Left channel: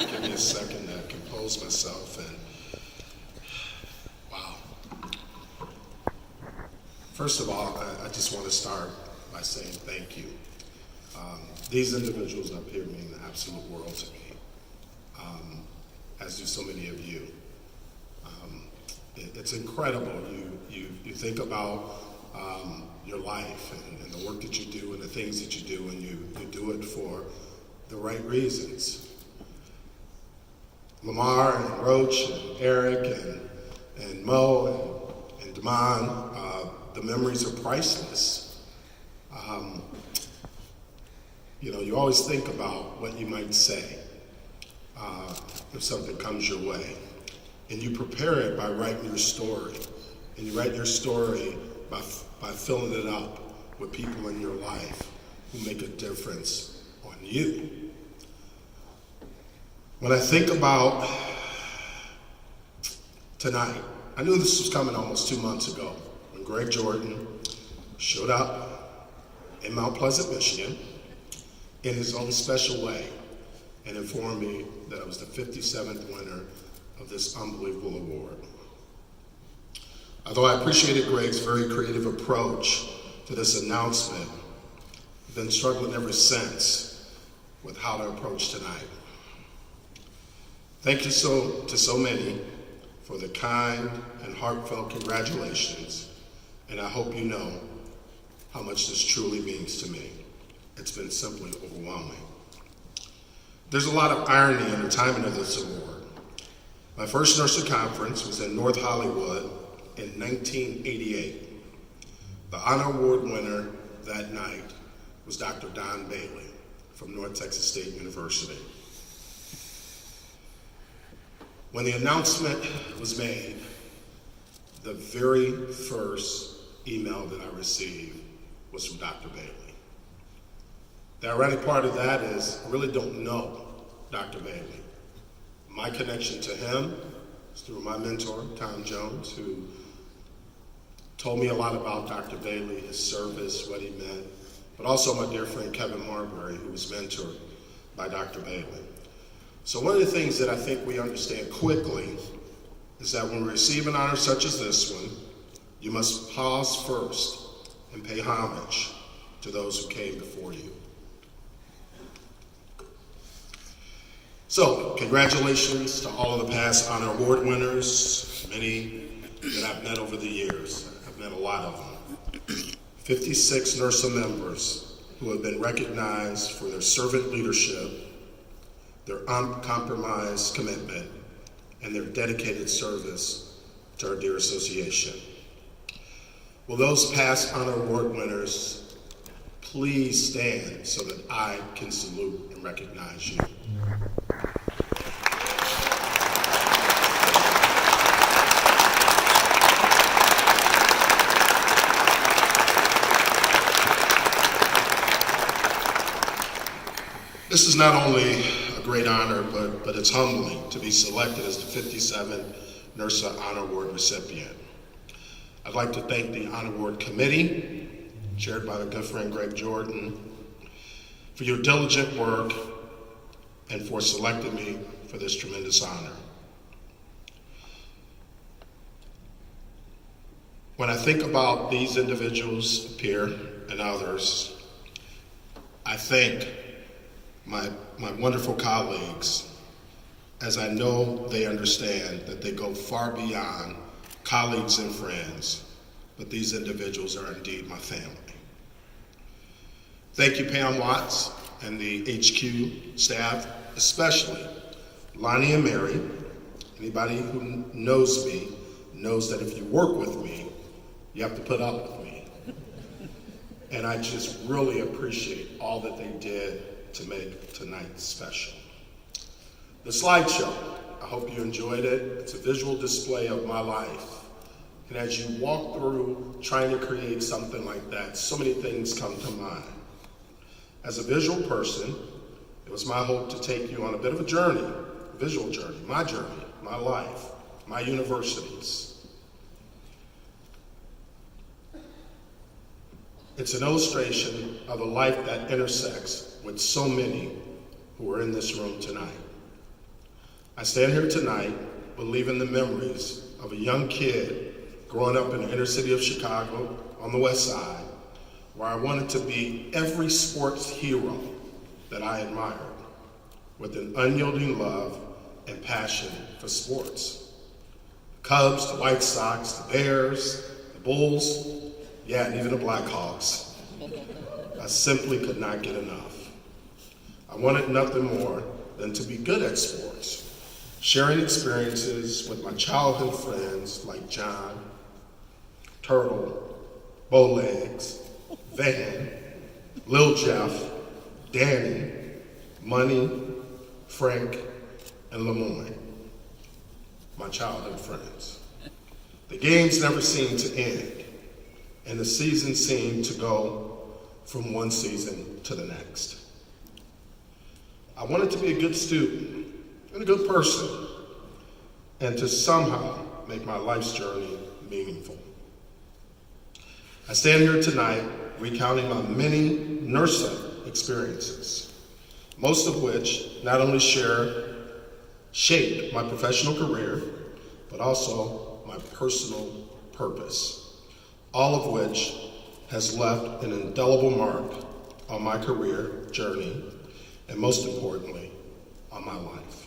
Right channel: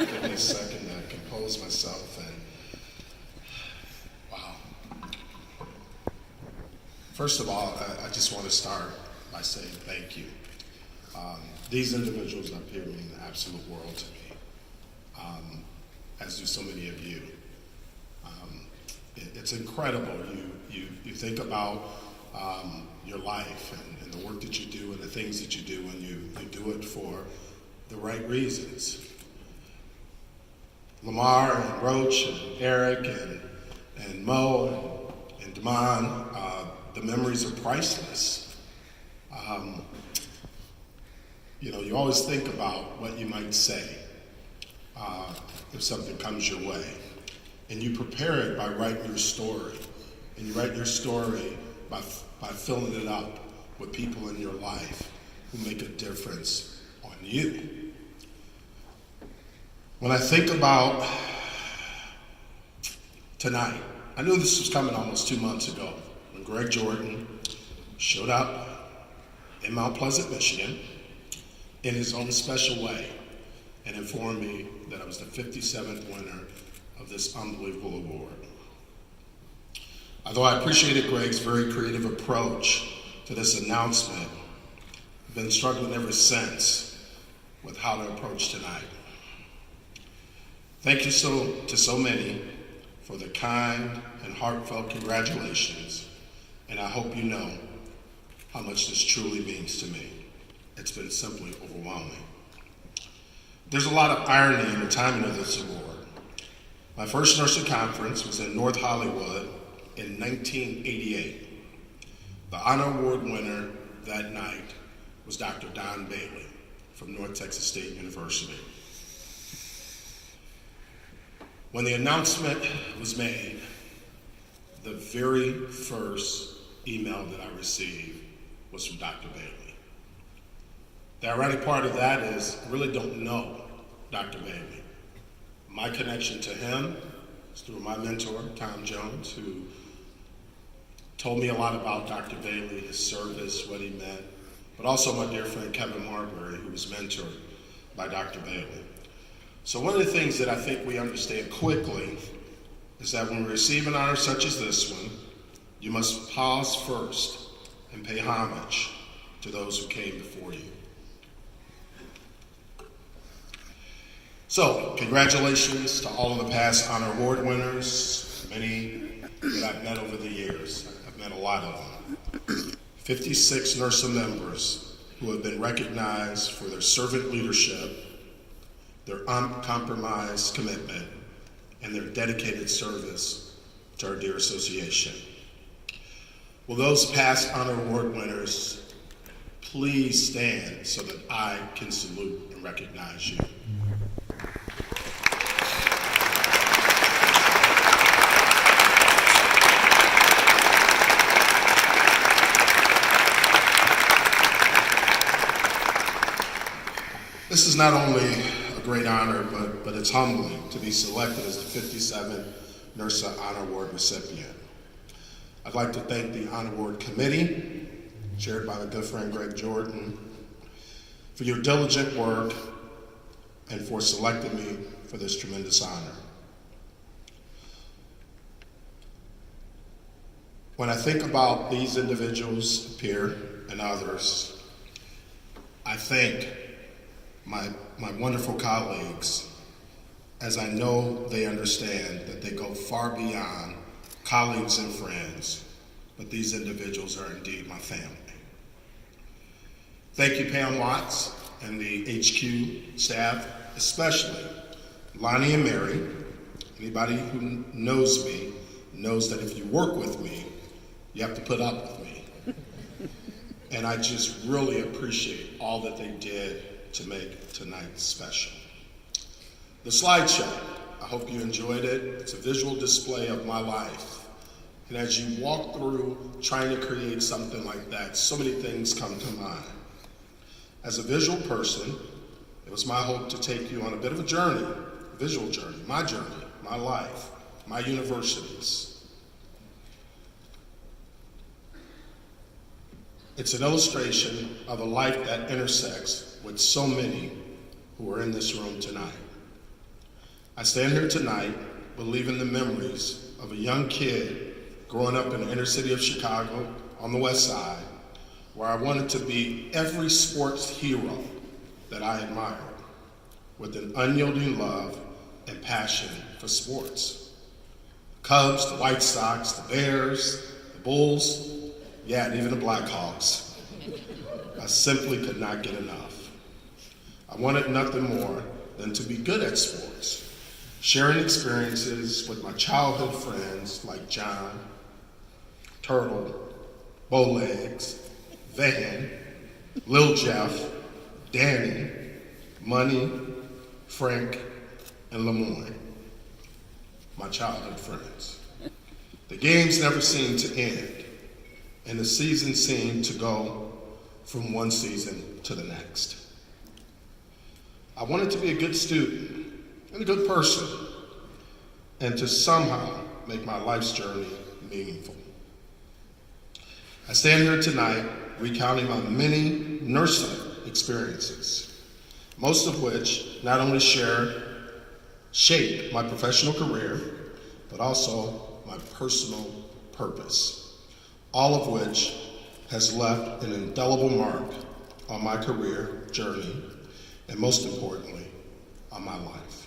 Give me a second to compose myself. And wow. First of all, I just want to start by saying thank you. These individuals up here mean the absolute world to me, as do so many of you. It's incredible. You think about your life and the work that you do and the things that you do, and you do it for the right reasons. Lamar and Roach and Eric and Mo and Damon, the memories are priceless. You always think about what you might say if something comes your way. And you prepare it by writing your story. And you write your story by filling it up with people in your life who make a difference on you. When I think about tonight, I knew this was coming almost 2 months ago when Greg Jordan showed up in Mount Pleasant, Michigan, in his own special way, and informed me that I was the 57th winner of this unbelievable award. Although I appreciated Greg's very creative approach to this announcement, I've been struggling ever since with how to approach tonight. Thank you to so many for the kind and heartfelt congratulations, and I hope you know how much this truly means to me. It's been simply overwhelming. There's a lot of irony in the timing of this award. My first NIRSA conference was in North Hollywood in 1988. The honor award winner that night was Dr. Don Bailey from North Texas State University. When the announcement was made, the very first email that I received was from Dr. Bailey. The ironic part of that is I really don't know Dr. Bailey. My connection to him is through my mentor, Tom Jones, who told me a lot about Dr. Bailey, his service, what he meant, but also my dear friend Kevin Marbury, who was mentored by Dr. Bailey. So one of the things that I think we understand quickly is that when we receive an honor such as this one, you must pause first and pay homage to those who came before you. So, congratulations to all of the past honor award winners, many that I've met over the years. I've met a lot of them. 56 NIRSA members who have been recognized for their servant leadership, their uncompromised commitment, and their dedicated service to our dear association. Will those past honor award winners please stand so that I can salute and recognize you? This is not only a great honor, but it's humbling to be selected as the 57th NIRSA Honor Award recipient. I'd like to thank the Honor Award Committee, chaired by my good friend Greg Jordan, for your diligent work and for selecting me for this tremendous honor. When I think about these individuals up here and others, I thank my wonderful colleagues, as I know they understand that they go far beyond colleagues and friends, but these individuals are indeed my family. Thank you, Pam Watts and the HQ staff, especially Lonnie and Mary. Anybody who knows me knows that if you work with me, you have to put up with me. And I just really appreciate all that they did to make tonight special. The slideshow, I hope you enjoyed it. It's a visual display of my life. And as you walk through trying to create something like that, so many things come to mind. As a visual person, it was my hope to take you on a bit of a journey, a visual journey, my life, my universities. It's an illustration of a life that intersects with so many who are in this room tonight. I stand here tonight believing the memories of a young kid growing up in the inner city of Chicago on the west side, where I wanted to be every sports hero that I admired, with an unyielding love and passion for sports. Cubs, the White Sox, the Bears, the Bulls, yeah, and even the Blackhawks. I simply could not get enough. I wanted nothing more than to be good at sports, sharing experiences with my childhood friends like John, Turtle, Bowlegs, Van, Lil Jeff, Danny, Money, Frank, and Lemoyne, my childhood friends. The games never seemed to end, and the season seemed to go from one season to the next. I wanted to be a good student and a good person, and to somehow make my life's journey meaningful. I stand here tonight recounting my many NIRSA experiences, most of which not only shaped my professional career, but also my personal purpose, all of which has left an indelible mark on my career journey, and most importantly, on my life.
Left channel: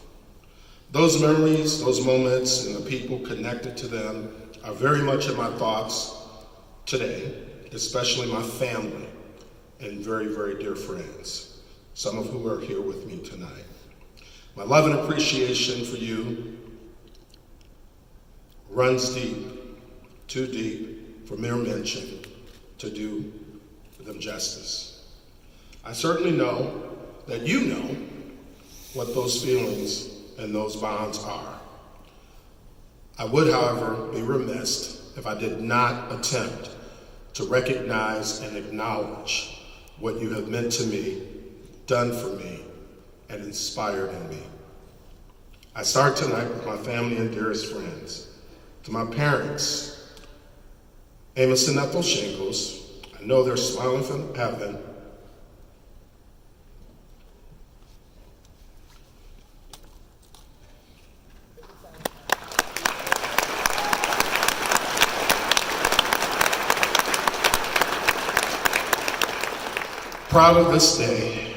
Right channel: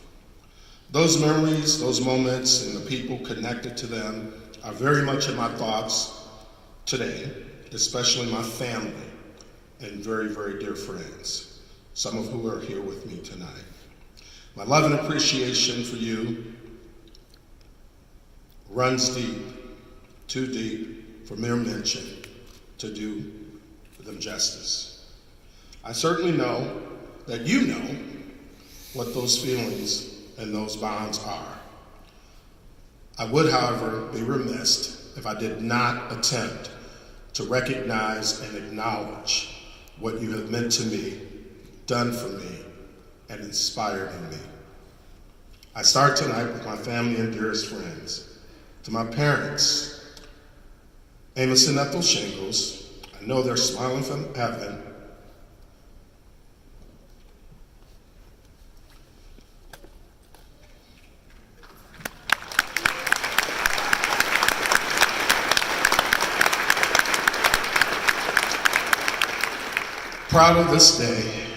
Those memories, those moments, and the people connected to them are very much in my thoughts today, especially my family and very, very dear friends, some of who are here with me tonight. My love and appreciation for you runs deep, too deep for mere mention to do them justice. I certainly know that you know what those feelings and those bonds are. I would, however, be remiss if I did not attempt to recognize and acknowledge what you have meant to me, done for me, and inspired in me. I start tonight with my family and dearest friends. To my parents, Amos and Ethel Shingles, I know they're smiling from heaven. Proud of this day,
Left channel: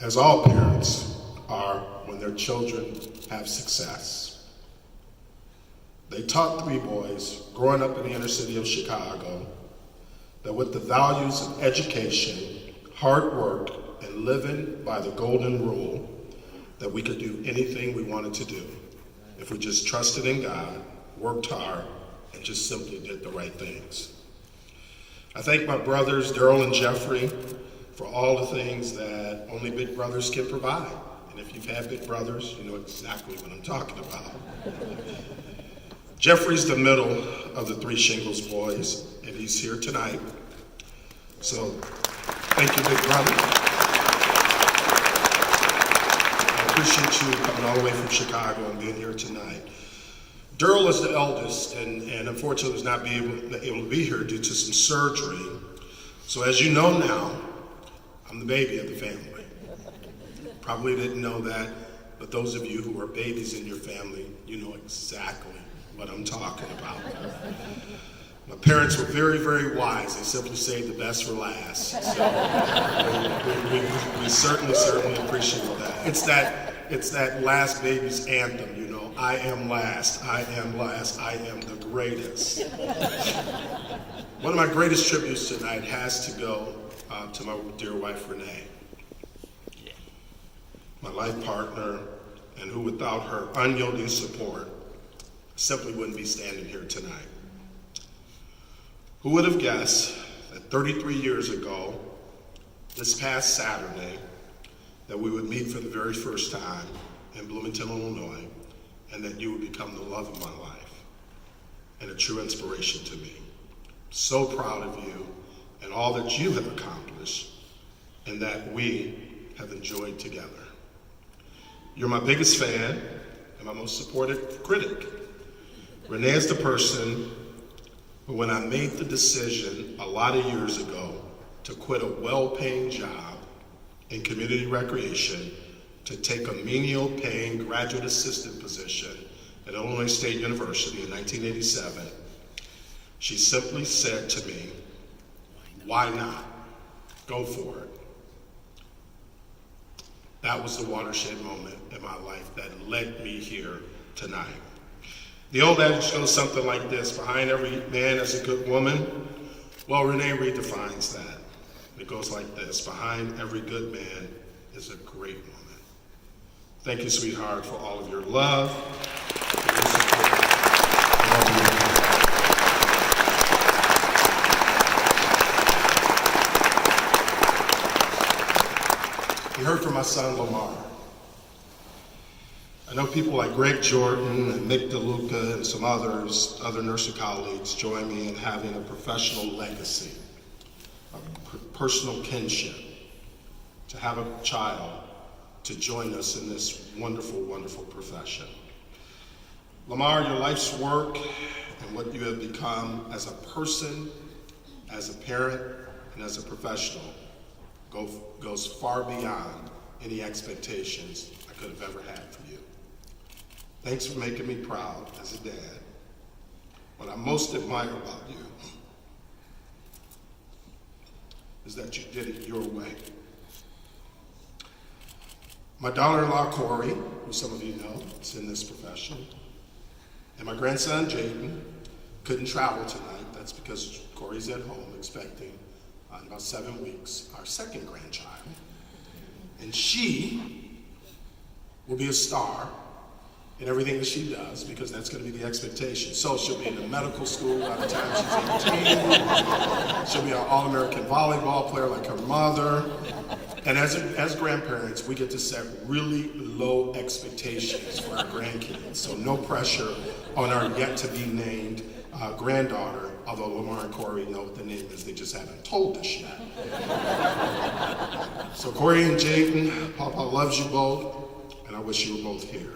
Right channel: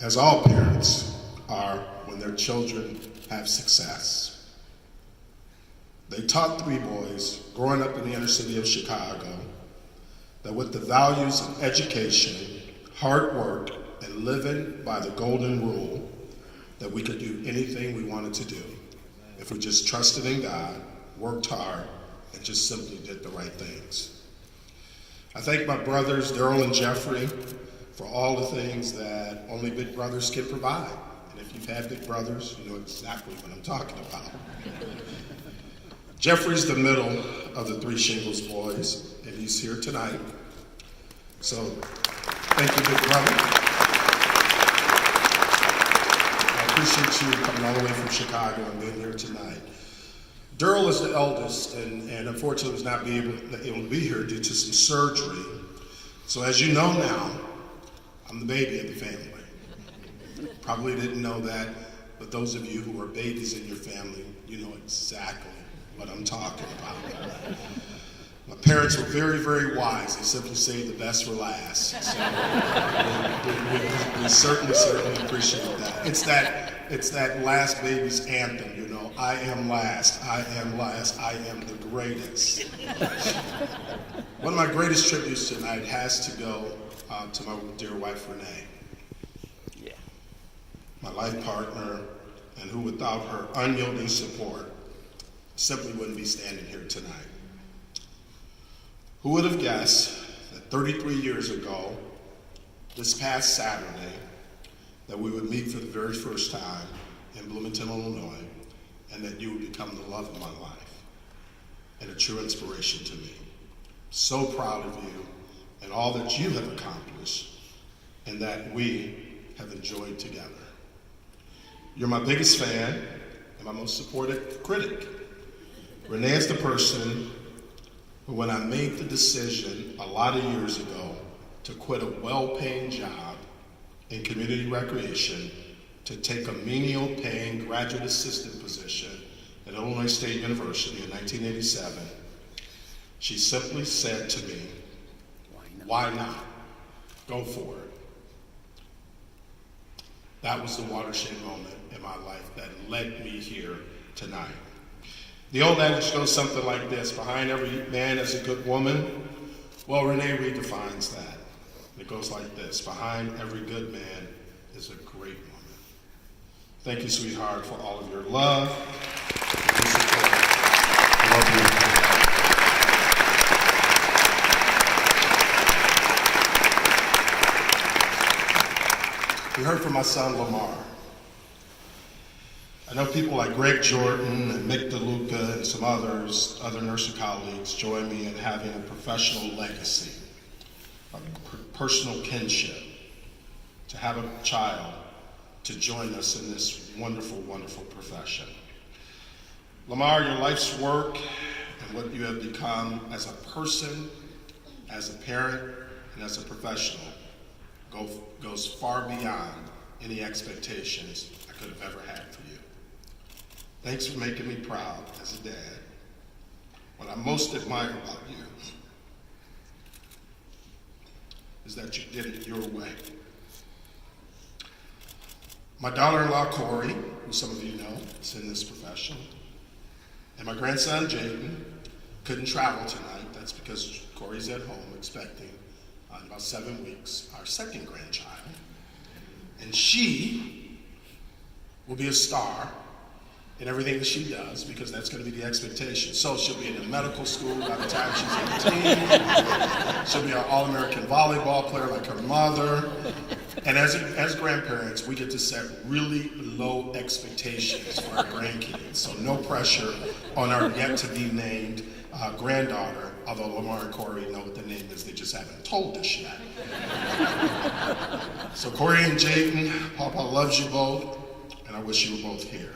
as all parents are when their children have success. They taught three boys growing up in the inner city of Chicago that with the values of education, hard work, and living by the golden rule, that we could do anything we wanted to do if we just trusted in God, worked hard, and just simply did the right things. I thank my brothers, Daryl and Jeffrey, for all the things that only big brothers can provide. And if you've had big brothers, you know exactly what I'm talking about. Jeffrey's the middle of the three Shingles boys, and he's here tonight. So, thank you, big brother. I appreciate you coming all the way from Chicago and being here tonight. Daryl is the eldest, and unfortunately was not able to be here due to some surgery. So as you know now, I'm the baby of the family. Probably didn't know that, but those of you who are babies in your family, you know exactly what I'm talking about. My parents were very, very wise. They simply saved the best for last. So we certainly appreciate that. It's that last baby's anthem, you know. I am last, I am last, I am the greatest. One of my greatest tributes tonight has to go to my dear wife, Renee. Yeah. My life partner, and who without her unyielding support simply wouldn't be standing here tonight. Who would have guessed that 33 years ago, this past Saturday, that we would meet for the very first time in Bloomington, Illinois, and that you would become the love of my life and a true inspiration to me. So proud of you and all that you have accomplished and that we have enjoyed together. You're my biggest fan and my most supportive critic. Renee is the person who, when I made the decision a lot of years ago to quit a well-paying job in community recreation to take a menial paying graduate assistant position at Illinois State University in 1987, she simply said to me, "Why not? Go for it." That was the watershed moment in my life that led me here tonight. The old adage goes something like this: behind every man is a good woman. Well, Renee redefines that. It goes like this: behind every good man is a great woman. Thank you, sweetheart, for all of your love. I love you. We heard from my son, Lamar. I know people like Greg Jordan and Mick DeLuca and some other NIRSA colleagues join me in having a professional legacy, a personal kinship, to have a child to join us in this wonderful, wonderful profession. Lamar, your life's work and what you have become as a person, as a parent, and as a professional goes far beyond any expectations I could have ever had for you. Thanks for making me proud as a dad. What I most admire about you is that you did it your way. My daughter-in-law, Corey, who some of you know, is in this profession, and my grandson, Jaden, couldn't travel tonight. That's because Corey's at home expecting, in about 7 weeks, our second grandchild. And she will be a star in everything that she does, because that's going to be the expectation. So she'll be in the medical school by the time she's 18. She'll be an All-American volleyball player like her mother. And as grandparents, we get to set really low expectations for our grandkids. So no pressure on our yet-to-be-named granddaughter, although Lamar and Corey know what the name is, they just haven't told us yet. So Corey and Jaden, Papa loves you both, and I wish you were both here.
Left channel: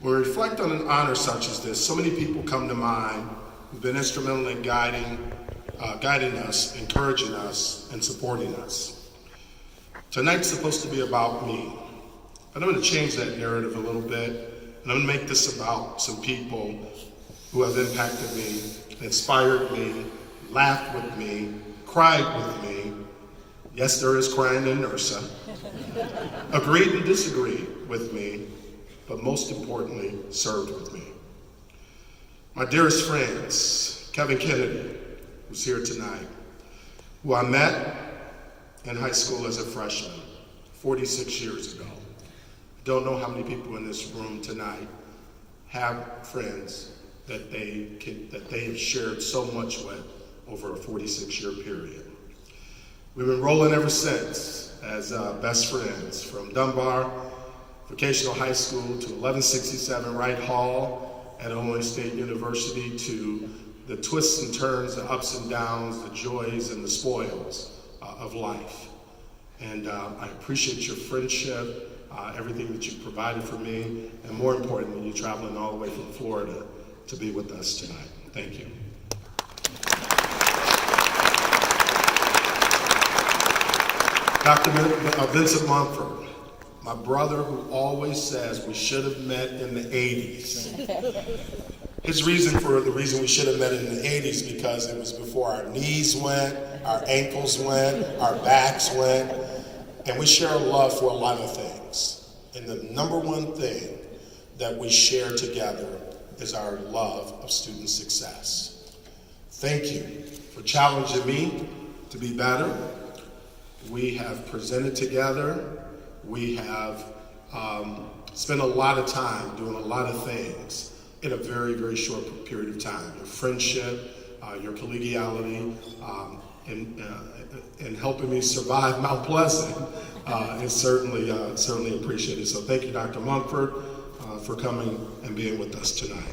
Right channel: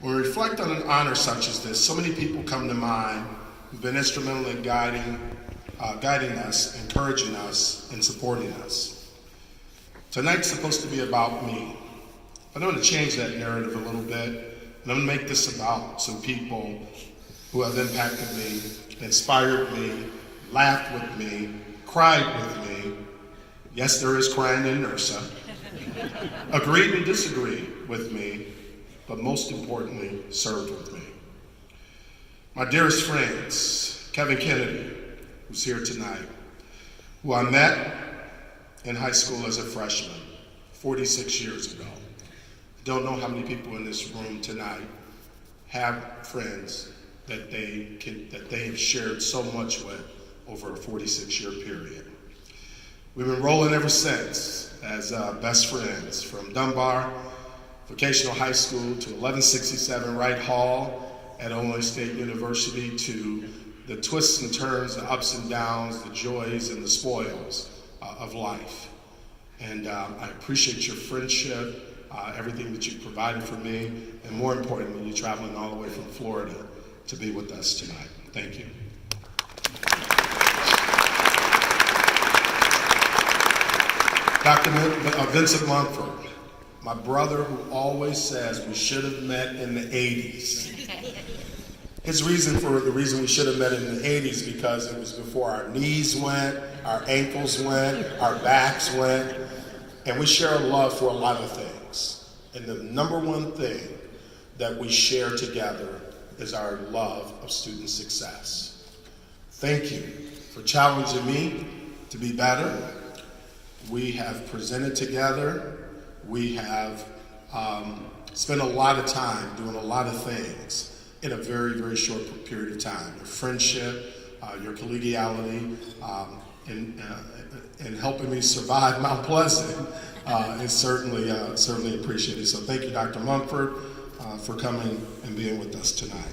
When we reflect on an honor such as this, so many people come to mind who've been instrumental in guiding us, encouraging us, and supporting us. Tonight's supposed to be about me, but I'm going to change that narrative a little bit, and I'm going to make this about some people who have impacted me, inspired me, laughed with me, cried with me. Yes, there is crying in NIRSA. Agreed and disagreed with me, but most importantly, served with me. My dearest friends, Kevin Kennedy, who's here tonight, who I met in high school as a freshman 46 years ago. Don't know how many people in this room tonight have friends that they've shared so much with over a 46-year period. We've been rolling ever since as best friends, from Dunbar Vocational High School to 1167 Wright Hall at Illinois State University, to the twists and turns, the ups and downs, the joys and the spoils of life. And I appreciate your friendship, everything that you provided for me, and more importantly, you traveling all the way from Florida to be with us tonight. Thank you. Dr. Vincent Mumford, my brother who always says we should have met in the 80s. His reason for the reason we should have met in the 80s because it was before our knees went, our ankles went, our backs went, and we share a love for a lot of things. And the number one thing that we share together is our love of student success. Thank you for challenging me to be better. We have presented together. We have spent a lot of time doing a lot of things in a very, very short period of time. Your friendship, your collegiality, and helping me survive Mount Pleasant is certainly appreciated. So thank you, Dr. Mumford, for coming and being with us tonight.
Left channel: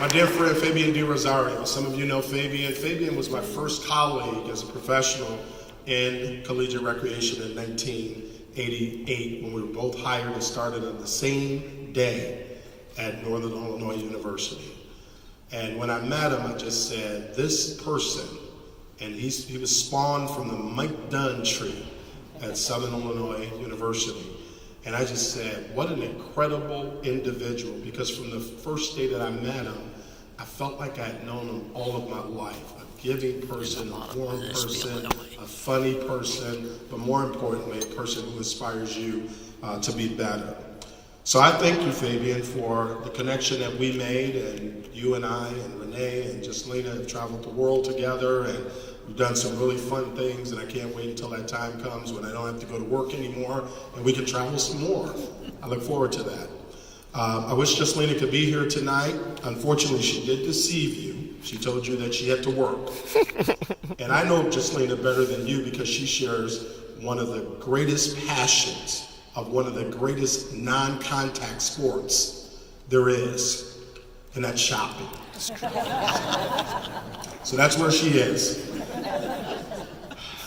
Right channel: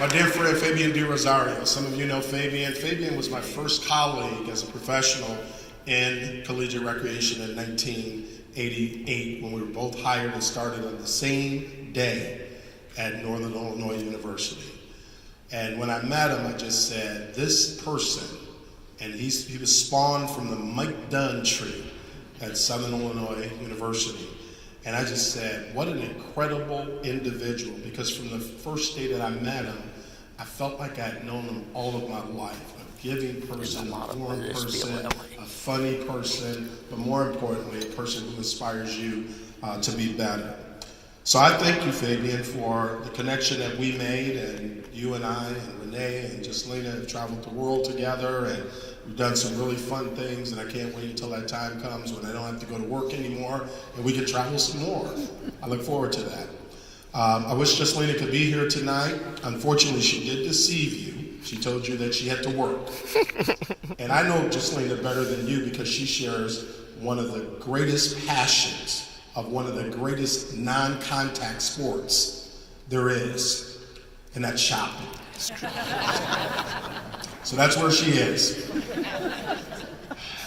My dear friend, Fabian Di Rosario. Some of you know Fabian. Fabian was my first colleague as a professional in collegiate recreation in 1988 when we were both hired and started on the same day at Northern Illinois University. And when I met him, I just said, this person And he was spawned from the Mike Dunn tree at Southern Illinois University. And I just said, what an incredible individual, because from the first day that I met him, I felt like I had known him all of my life. A giving person, a warm person, a funny person, but more importantly, a person who inspires you to be better. So I thank you, Fabian, for the connection that we made, and you and I and Renee and Jocelyn have traveled the world together, and we've done some really fun things, and I can't wait until that time comes when I don't have to go to work anymore and we can travel some more. I look forward to that. I wish Jocelyn could be here tonight. Unfortunately, she did deceive you. She told you that she had to work. And I know Jocelyn better than you because she shares one of the greatest passions of one of the greatest non-contact sports there is, and that's shopping. So that's where she is.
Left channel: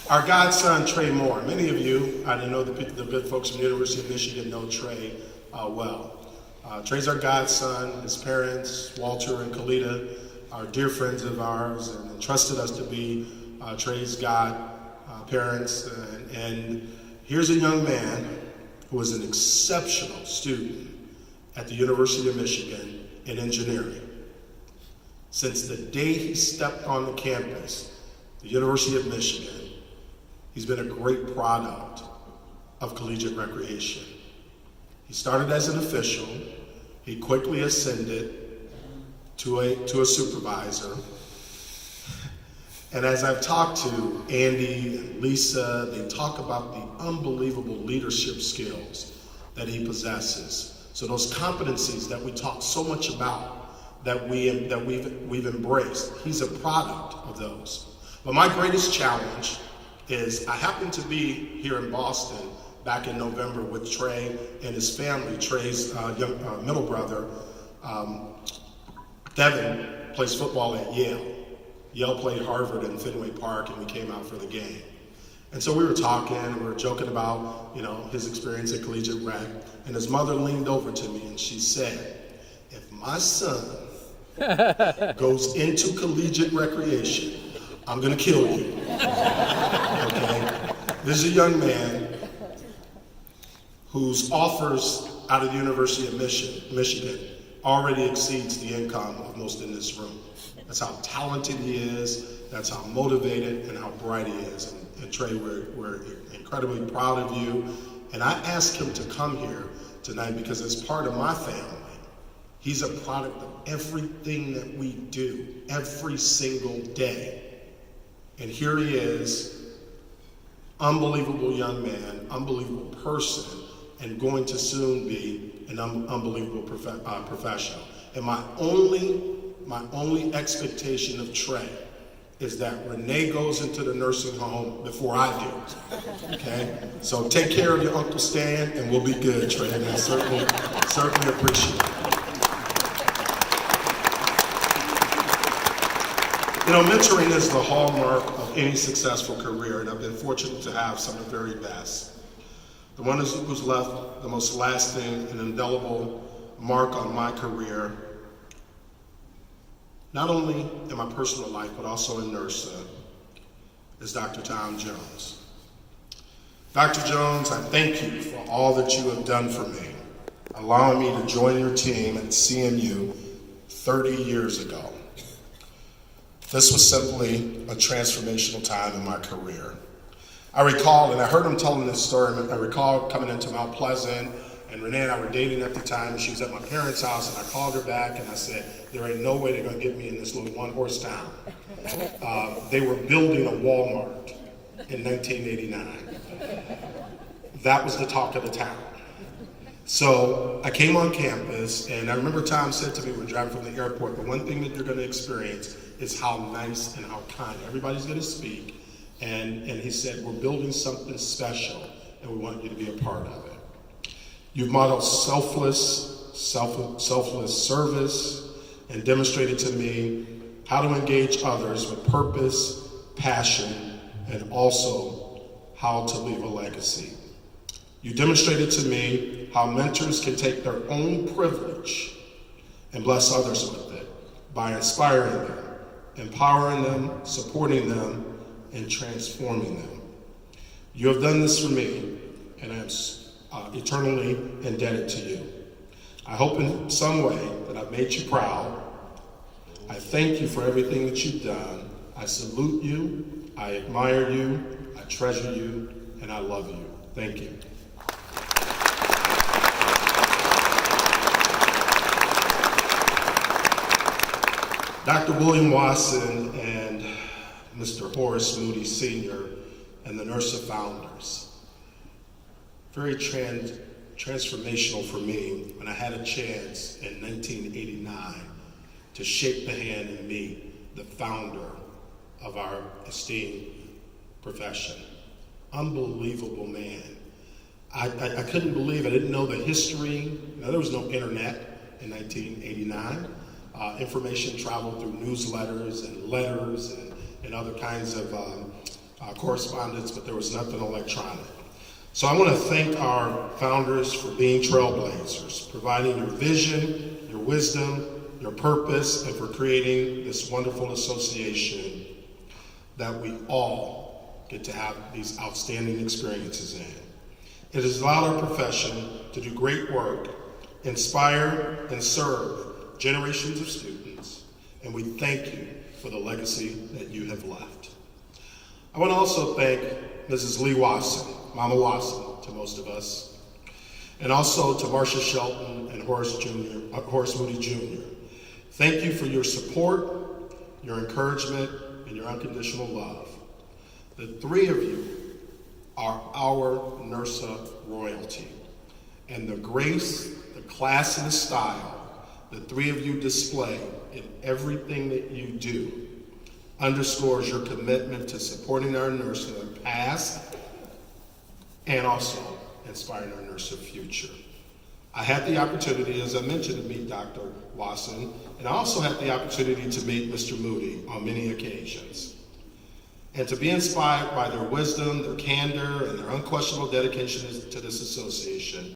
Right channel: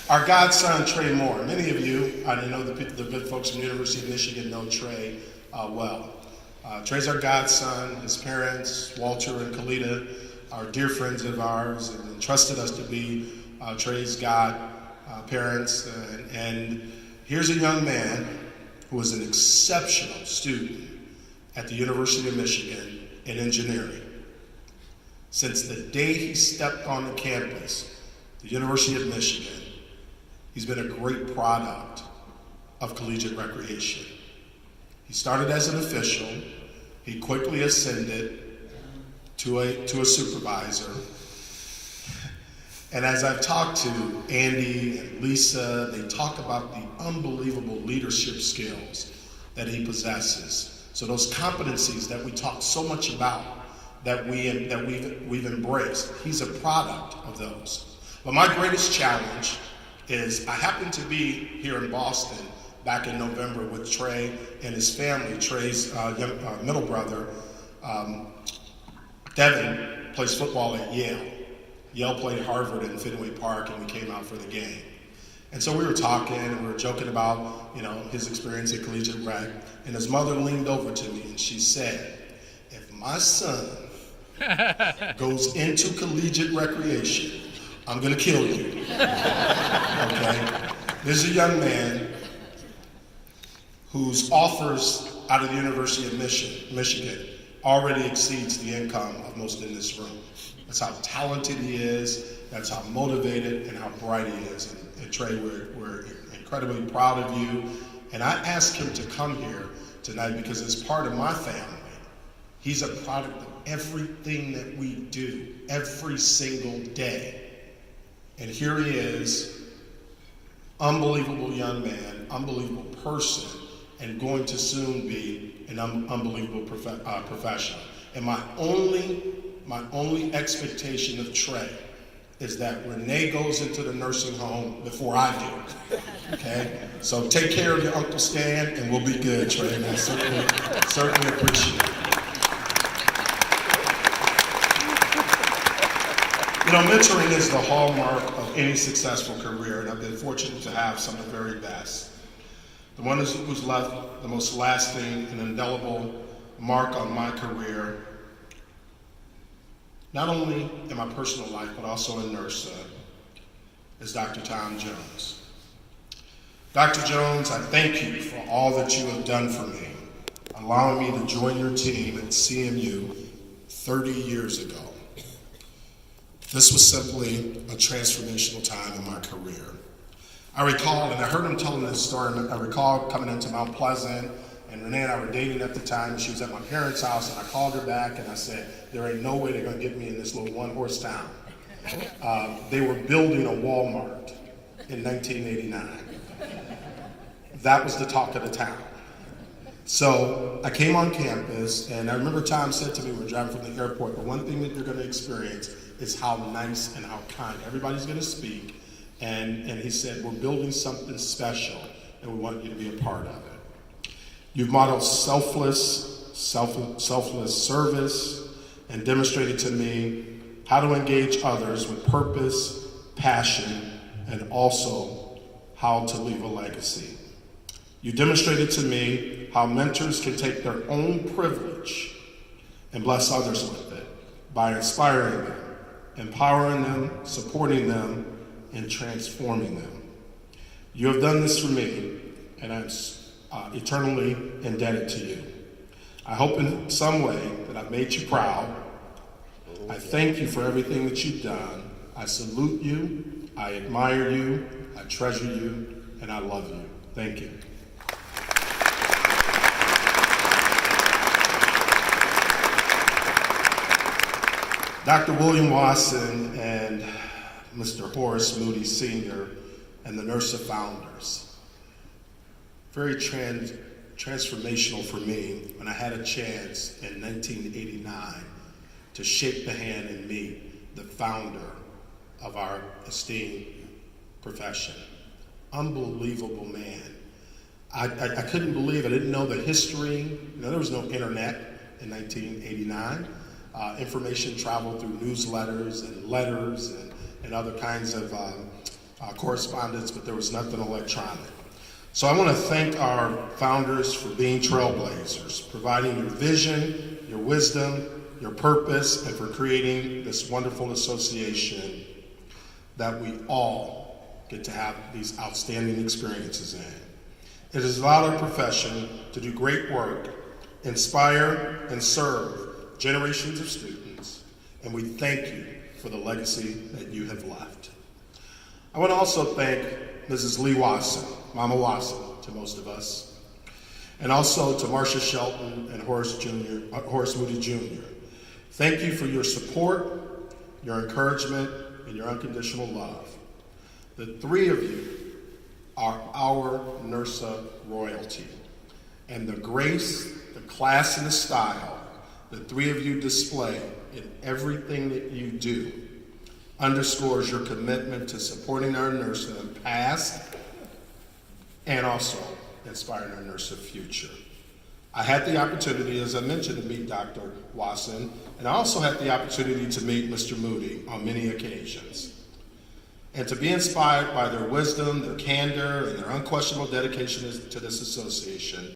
Our godson, Trey Moore. Many of you, I know the good folks from the University of Michigan know Trey well. Trey's our godson. His parents, Walter and Kalita, are dear friends of ours and entrusted us to be Trey's godparents. And here's a young man who was an exceptional student at the University of Michigan in engineering. Since the day he stepped on the campus, the University of Michigan, he's been a great product of collegiate recreation. He started as an official. He quickly ascended to a supervisor. And as I've talked to Andy and Lisa, they talk about the unbelievable leadership skills that he possesses. So those competencies that we talk so much about, that we've embraced, he's a product of those. But my greatest challenge is I happened to be here in Boston back in November with Trey and his family. Trey's middle brother, Devin, plays football at Yale. Yale played Harvard in Fenway Park, and we came out for the game. And so we were talking, and we were joking about, his experience at collegiate rec. And his mother leaned over to me, and she said, if my son goes into collegiate recreation, I'm going to kill you. Okay? This is a young man whose offers out of the University of Michigan already exceeds the income of most in this room. That's how talented he is, that's how motivated and how bright he is. And Trey, we're incredibly proud of you. And I asked him to come here tonight because as part of my family, he's a product of everything that we do every single day. And here he is, unbelievable young man, unbelievable person, and going to soon be an unbelievable professional. And my only expectation of Trey is that Renee goes into the nursing home before I do. Okay? So take care of your Uncle Stan, and we'll be good, Trey. And I certainly appreciate it. Mentoring is the hallmark of any successful career, and I've been fortunate to have some of the very best. The one who's left the most lasting and indelible mark on my career, not only in my personal life, but also in NIRSA, is Dr. Tom Jones. Dr. Jones, I thank you for all that you have done for me, allowing me to join your team at CMU 30 years ago. This was simply a transformational time in my career. I recall, and I heard him telling this story, I recall coming into Mount Pleasant, and Renee and I were dating at the time, and she was at my parents' house, and I called her back, and I said, there ain't no way they're gonna get me in this little one-horse town. They were building a Walmart in 1989. That was the talk of the town. So I came on campus, and I remember Tom said to me, we're driving from the airport, the one thing that you're gonna experience is how nice and how kind everybody's gonna speak. And he said, we're building something special, and we want you to be a part of it. You've modeled selfless service and demonstrated to me how to engage others with purpose, passion, and also how to leave a legacy. You demonstrated to me how mentors can take their own privilege and bless others with it by inspiring them, empowering them, supporting them, and transforming them. You have done this for me, and I'm eternally indebted to you. I hope in some way that I've made you proud. I thank you for everything that you've done. I salute you, I admire you, I treasure you, and I love you. Thank you. Dr. William Wasson and Mr. Horace Moody Sr. and the NIRSA founders. Very transformational for me when I had a chance in 1989 to shake the hand and meet the founder of our esteemed profession. Unbelievable man. I couldn't believe, I didn't know the history. There was no internet in 1989. Information traveled through newsletters and letters and other kinds of correspondence, but there was nothing electronic. So I want to thank our founders for being trailblazers, providing your vision, your wisdom, your purpose, and for creating this wonderful association that we all get to have these outstanding experiences in. It has allowed our profession to do great work, inspire and serve generations of students, and we thank you for the legacy that you have left. I want to also thank Mrs. Lee Wasson, Mama Wasson to most of us, and also to Marcia Shelton and Horace Moody Jr. Thank you for your support, your encouragement, and your unconditional love. The three of you are our NIRSA royalty, and the grace, the class, and the style the three of you display in everything that you do underscores your commitment to supporting our NIRSA in the past and also inspiring our NIRSA future. I had the opportunity, as I mentioned, to meet Dr. Wasson, and I also had the opportunity to meet Mr. Moody on many occasions. And to be inspired by their wisdom, their candor, and their unquestionable dedication to this association,